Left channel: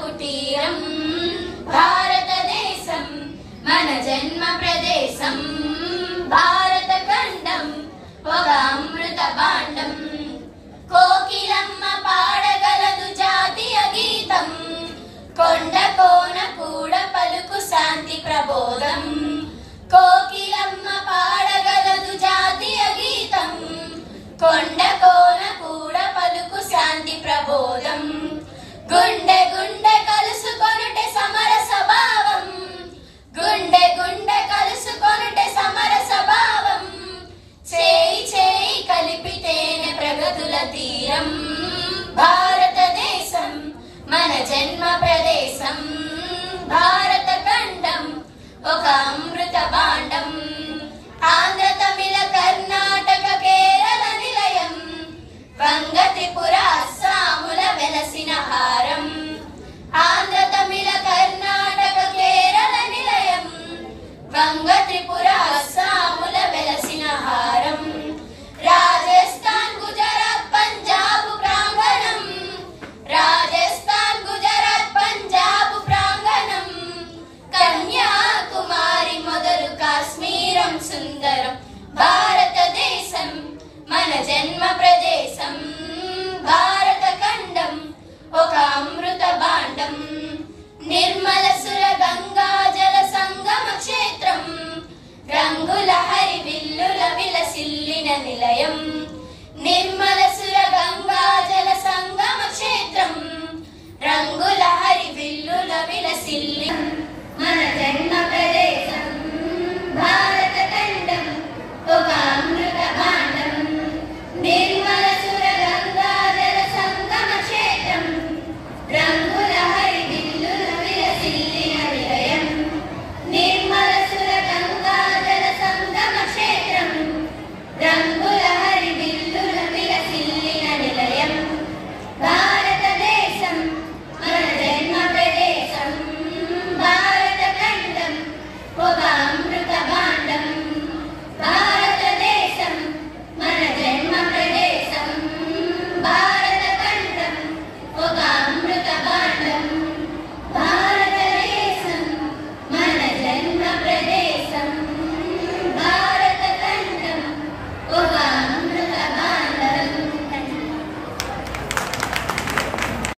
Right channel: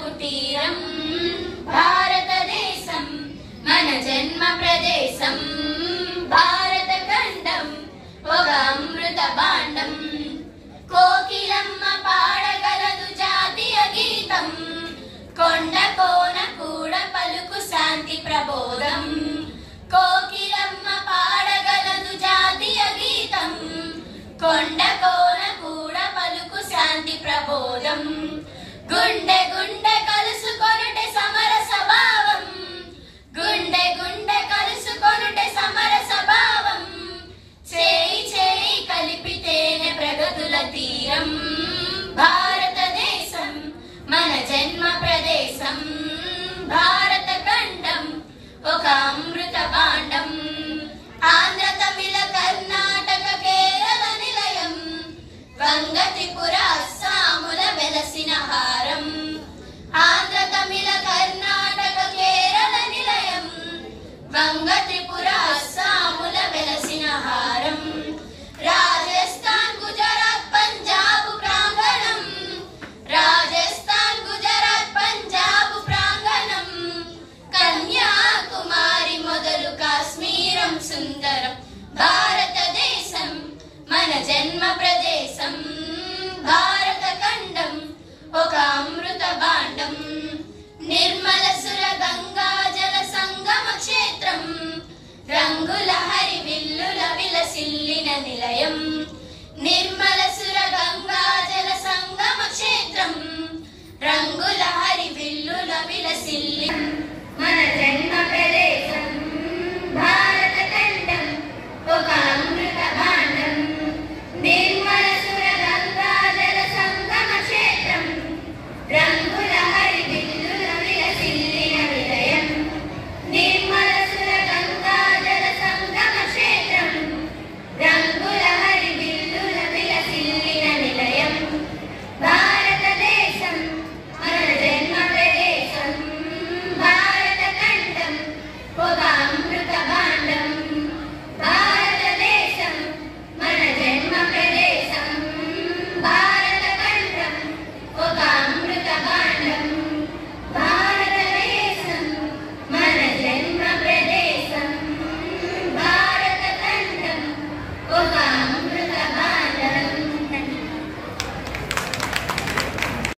కుటీరం భారతదేశం మన జన్మ ప్రదేశం భారత ఖండం ఒక అమృత భాండం కోకిలమ్మ పాడగలదు జాతీయ గీతం కొండ కోన కూడ పలుకు శాంతి ప్రబోధం కోకిలమ్మ పాడగలదు జాతీయ గీతం కొండ కోన కూడ పలుకు శాంతి ప్రబోధం గుండె గుండె కలుసుకొనుటే సమర స్వభావం గుండె గుండె కలుసుకొనుటే సమర స్వభావం చేయి చేయి కలిపితేనే ప్రగతుల తీరం భారతదేశం మన జన్మ ప్రదేశం భారత ఖండం ఒక అమృత భాండం ఆంధ్ర తమిళ కర్ణాటక కేరళ నిలయం వంగ త్రిపుర అస్సాముల వెలసిన హారం ఆంధ్ర తమిళ కర్ణాటక కేరళ నిలయం వంగ త్రిపుర అస్సాముల వెలసిన హారం రాజస్థాన్ గుజరాత్ పంజాబ్ ప్రాంగణం రాజస్థాన్ గుజరాత్ పంజాబ్ ప్రాంగణం కన్యాకుమారి మొదలు కాశ్మీరం సుందరం భారతదేశం మన జన్మ ప్రదేశం భారత ఖండం ఒక అమృత భాండం నిర్మల సుర గంగా జల సంగమ క్షేత్రం రంగుల హరి విల్లుల విలసిల్లిన నిలయం నిర్మల సుర గంగా జల సంగమ క్షేత్రం రంగుల హరి విల్లుల విలసిల్లి మన జన్మ